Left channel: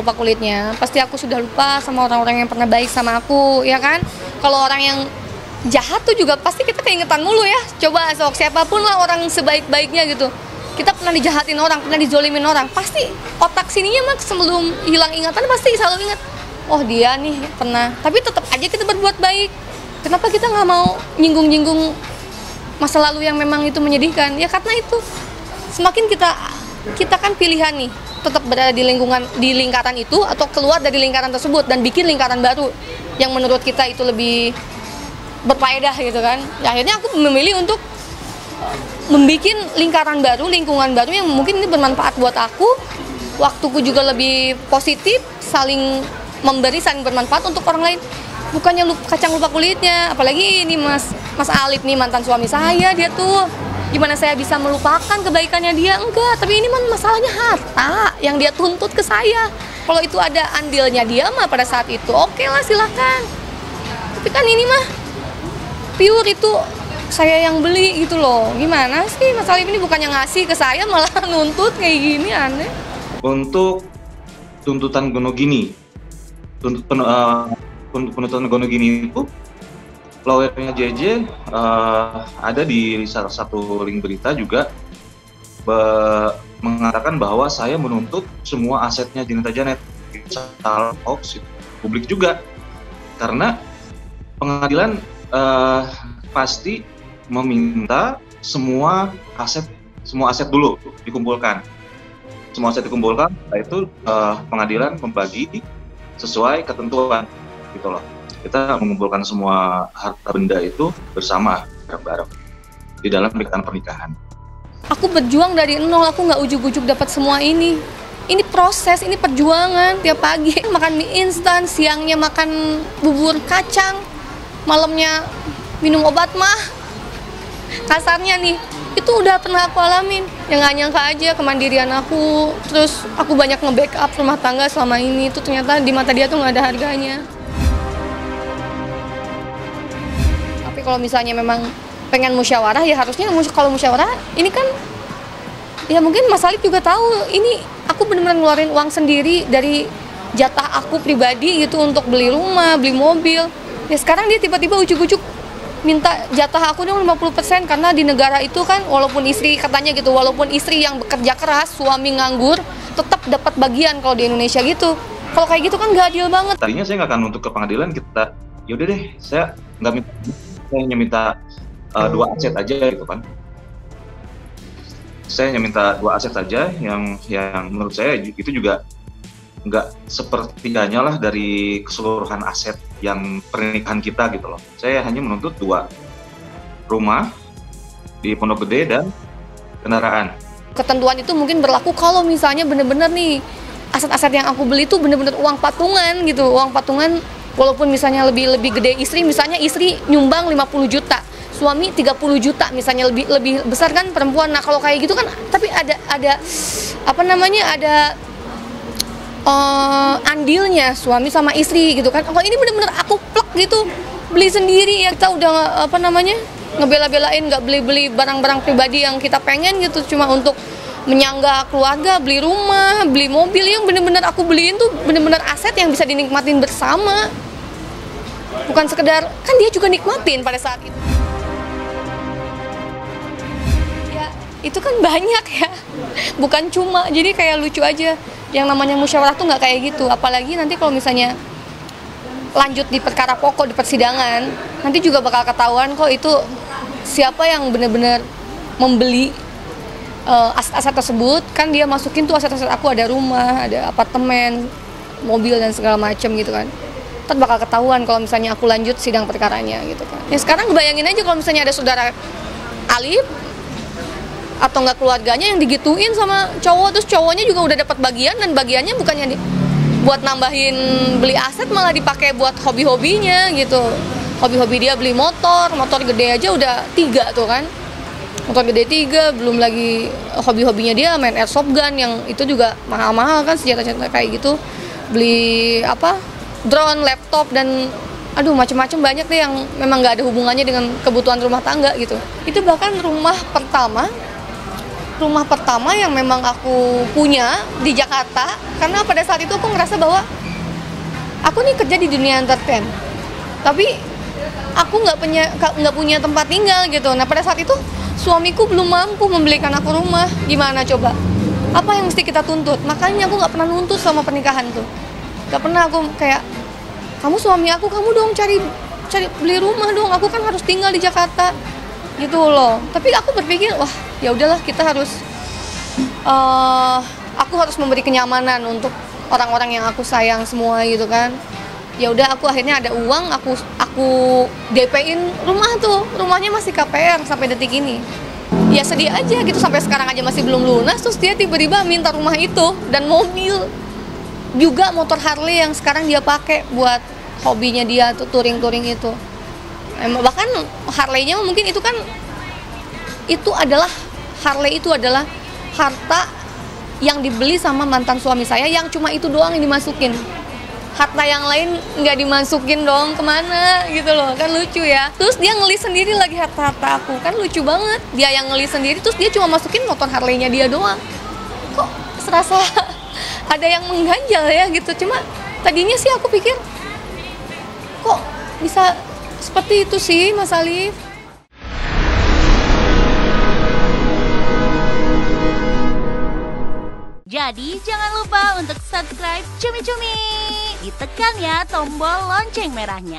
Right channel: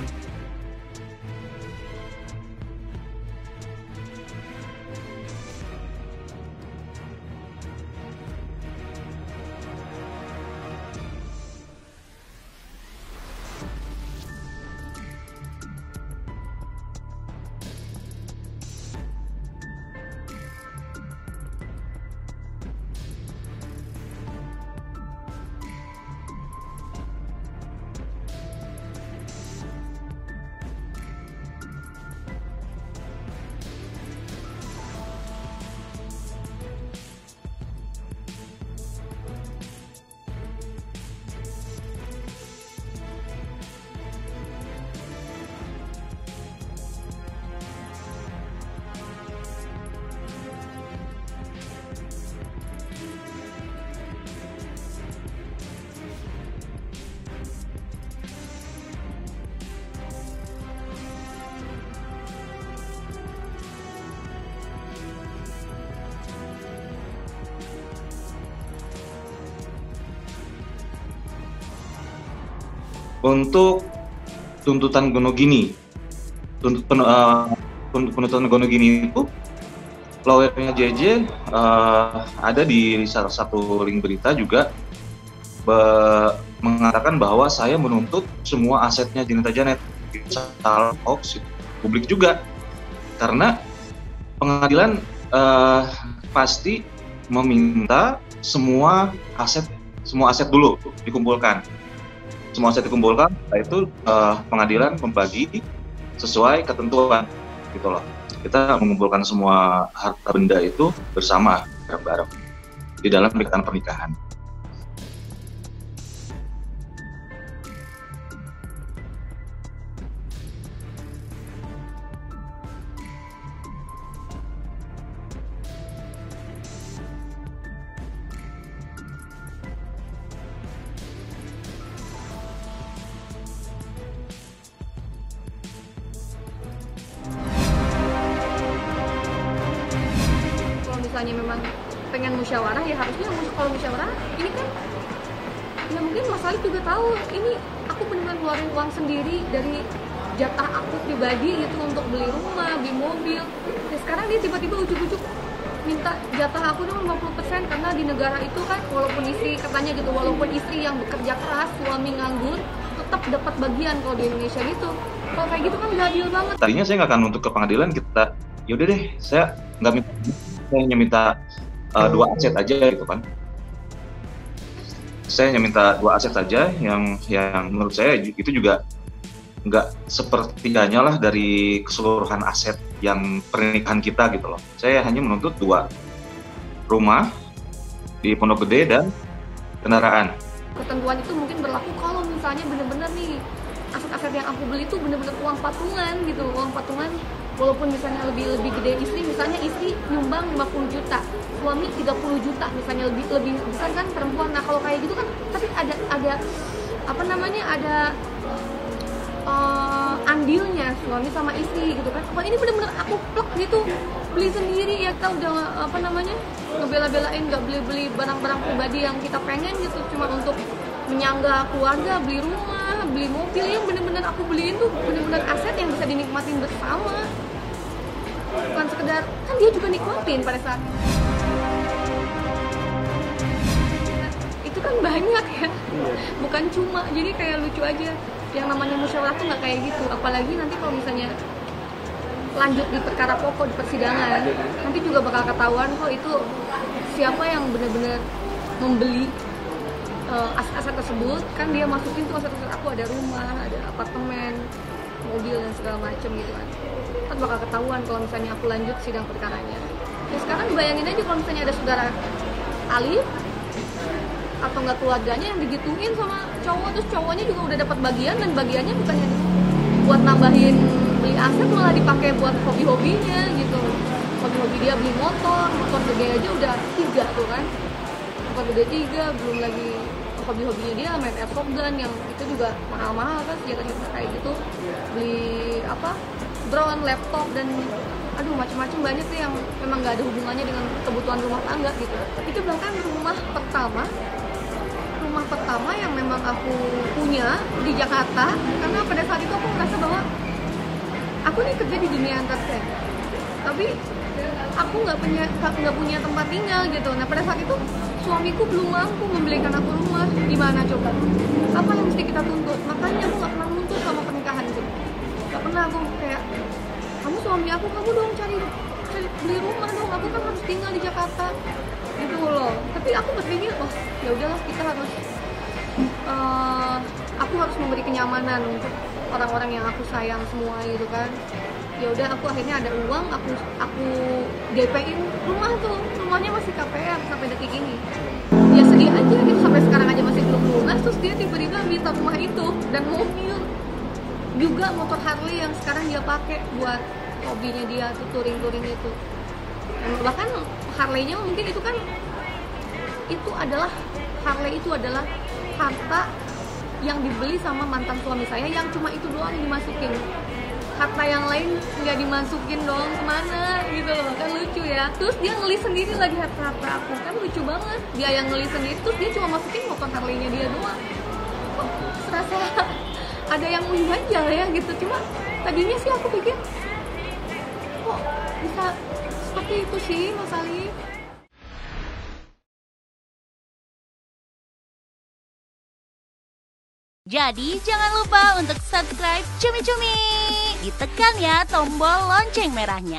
lupa kulitnya, pasti aku sudah lupa sama orang-orang yang pernah baik sama aku, ya kan? Kalau orang yang jahat tuh juga pasti kita keingetan mulu ya. Coba sok siapapun lah orang sebaik-baiknya gitu. Kita pernah dijahatin orang, pernah dizolimin orang, pasti otak sininya mah sebelum hilang ingatan pasti selalu ingat, oh dia nih pernah. Tapi tetap aja kita berbuat baik. Kenapa kita nggak mau nyinggung-nyinggung masa lalu yang memang itu menyedihkan? Ya karena itu semakin kita kan pilihan nih, tetap berada di lingkaran itu atau keluar dari lingkaran tersebut dan bikin lingkaran baru yang menurut kita itu lebih berfaedah gitu kan. Ya, akhirnya aku memilih untuk membuat lingkaran baru, lingkungan baru yang mungkin ini bermanfaat buat aku, waktuku juga lebih positif, saling memberi, saling bermanfaat untuk orang lain. Bukannya kacang lupa kulitnya, apalagi ini Mas Alif nih mantan suami saya, dia tuh gimana saya bisa melupakan kebaikannya dia? Enggak, tapi ini masalahnya harta yang dia tuntut ke saya. Kalau itu ada andilnya dia mah pada saat itu, oke lah silakan. Tapi kan ini mah pure itu saya yang beli gitu loh. Gimana sih Mas Alif ini bukannya ngasih ke saya malah nuntut kayak gini, aneh. Untuk tuntutan Gonogini, penuntutan Gonogini itu lawyernya JJ ada di salah satu link berita juga mengatakan bahwa saya menuntut semua asetnya Janeta Janet. Salah hoax, publik juga. Karena pengadilan pasti meminta semua aset dulu dikumpulkan. Semua aset dikumpulkan, setelah itu pengadilan membagi sesuai ketentuan gitu loh. Kita mengumpulkan semua harta benda itu bersama bareng-bareng di dalam ikatan pernikahan. Aku berjuang dari nol, aku nggak ujuk-ujuk dapat semua ini. Ini proses, ini perjuangan. Tiap pagi makan mie instan, siangnya makan bubur kacang, malamnya minum obat mah. Kasarnya nih, itu udah pernah aku alamin. Yang nggak nyangka aja kemandirian aku, terus aku banyak nge-backup rumah tangga selama ini, itu ternyata di mata dia tuh nggak ada harganya. Tapi kalau misalnya memang pengen musyawarah, ya harusnya kalau musyawarah, ini kan, ya mungkin Mas Alif juga tahu, ini aku benar-benar ngeluarin uang sendiri dari jatah aku pribadi gitu untuk beli rumah, beli mobil. Ya sekarang dia tiba-tiba ujuk-ujuk minta jatah aku dong 50% karena di negara itu kan walaupun istri katanya gitu, walaupun istri yang bekerja keras, suami nganggur, tetap dapat bagian kalau di Indonesia gitu. Kalau kayak gitu kan gak adil banget. Tadinya saya nggak akan untuk ke pengadilan, kita yaudah deh, saya nggak minta, saya hanya minta 2 aset aja gitu kan. Saya hanya minta 2 aset saja yang menurut saya itu juga nggak sepertiganya lah dari keseluruhan aset yang pernikahan kita gitu loh. Saya hanya menuntut 2, rumah di Pondok Gede dan kendaraan. Ketentuan itu mungkin berlaku kalau misalnya bener-bener nih aset-aset yang aku beli itu bener-bener uang patungan gitu, uang patungan walaupun misalnya lebih gede istri, misalnya istri nyumbang 50 juta, suami 30 juta misalnya, lebih besar kan perempuan. Nah kalau kayak gitu kan, tapi ada apa namanya, ada andilnya suami sama istri gitu kan. Kalau ini bener-bener aku plek gitu, beli sendiri ya, kita udah apa namanya, ngebela-belain nggak beli barang-barang pribadi yang kita pengen gitu cuma untuk menyangga keluarga, beli rumah, beli mobil yang bener-bener aku beliin tuh bener-bener aset yang bisa dinikmatin bersama, bukan sekedar, kan dia juga nikmatin pada saat itu. Ya, itu kan banyak ya, bukan cuma, jadi kayak lucu aja. Yang namanya musyawarah tuh nggak kayak gitu, apalagi nanti kalau misalnya lanjut di perkara pokok di persidangan, nanti juga bakal ketahuan kok itu siapa yang benar-benar membeli aset-aset tersebut. Kan dia masukin tuh aset-aset aku, ada rumah, ada apartemen, mobil dan segala macam gitu kan. Ntar bakal ketahuan kalau misalnya aku lanjut sidang perkaranya gitu kan. Ya sekarang bayangin aja kalau misalnya ada saudara Alif atau nggak keluarganya yang digituin sama cowok, terus cowoknya juga udah dapat bagian, dan bagiannya bukannya buat nambahin beli aset, malah dipakai buat hobi-hobinya gitu. Hobi-hobi dia beli motor gede aja udah 3 tuh kan, motor gede 3, belum lagi hobi-hobinya dia main airsoft gun yang itu juga mahal-mahal kan, senjata-senjata kayak gitu, beli apa, drone, laptop, dan aduh macam-macam banyak deh yang memang nggak ada hubungannya dengan kebutuhan rumah tangga gitu. Itu bahkan rumah pertama rumah pertama yang memang aku punya di Jakarta, karena pada saat itu aku ngerasa bahwa aku nih kerja di dunia entertain, tapi aku nggak punya tempat tinggal gitu. Nah pada saat itu suamiku belum mampu membelikan aku rumah, gimana coba? Apa yang mesti kita tuntut? Makanya aku nggak pernah nuntut sama pernikahan tuh, nggak pernah aku kayak kamu suami aku, kamu dong cari beli rumah dong, aku kan harus tinggal di Jakarta gitu loh. Tapi aku berpikir wah ya udahlah, kita harus aku harus memberi kenyamanan untuk orang-orang yang aku sayang semua gitu kan. Ya udah, aku akhirnya ada uang, aku DP-in rumah tuh, rumahnya masih KPR sampai detik ini. Ya sedih aja gitu, sampai sekarang aja masih belum lunas. Terus dia tiba-tiba minta rumah itu dan mobil juga, motor Harley yang sekarang dia pakai buat hobinya dia tuh, touring itu. Bahkan Harley-nya mungkin itu kan Harley itu adalah harta yang dibeli sama mantan suami saya, yang cuma itu doang yang dimasukin. Harta yang lain nggak dimasukin dong, kemana gitu loh, kan lucu ya. Terus dia ngelis sendiri lagi harta aku, kan lucu banget. Dia yang ngelis sendiri, terus dia cuma masukin motor Harley-nya dia doang. Kok serasa ada yang mengganjal ya gitu. Cuma tadinya sih aku pikir kok bisa seperti itu sih Mas Alif. Jadi jangan lupa untuk subscribe Cumi Cumi. Ditekan ya tombol lonceng merahnya.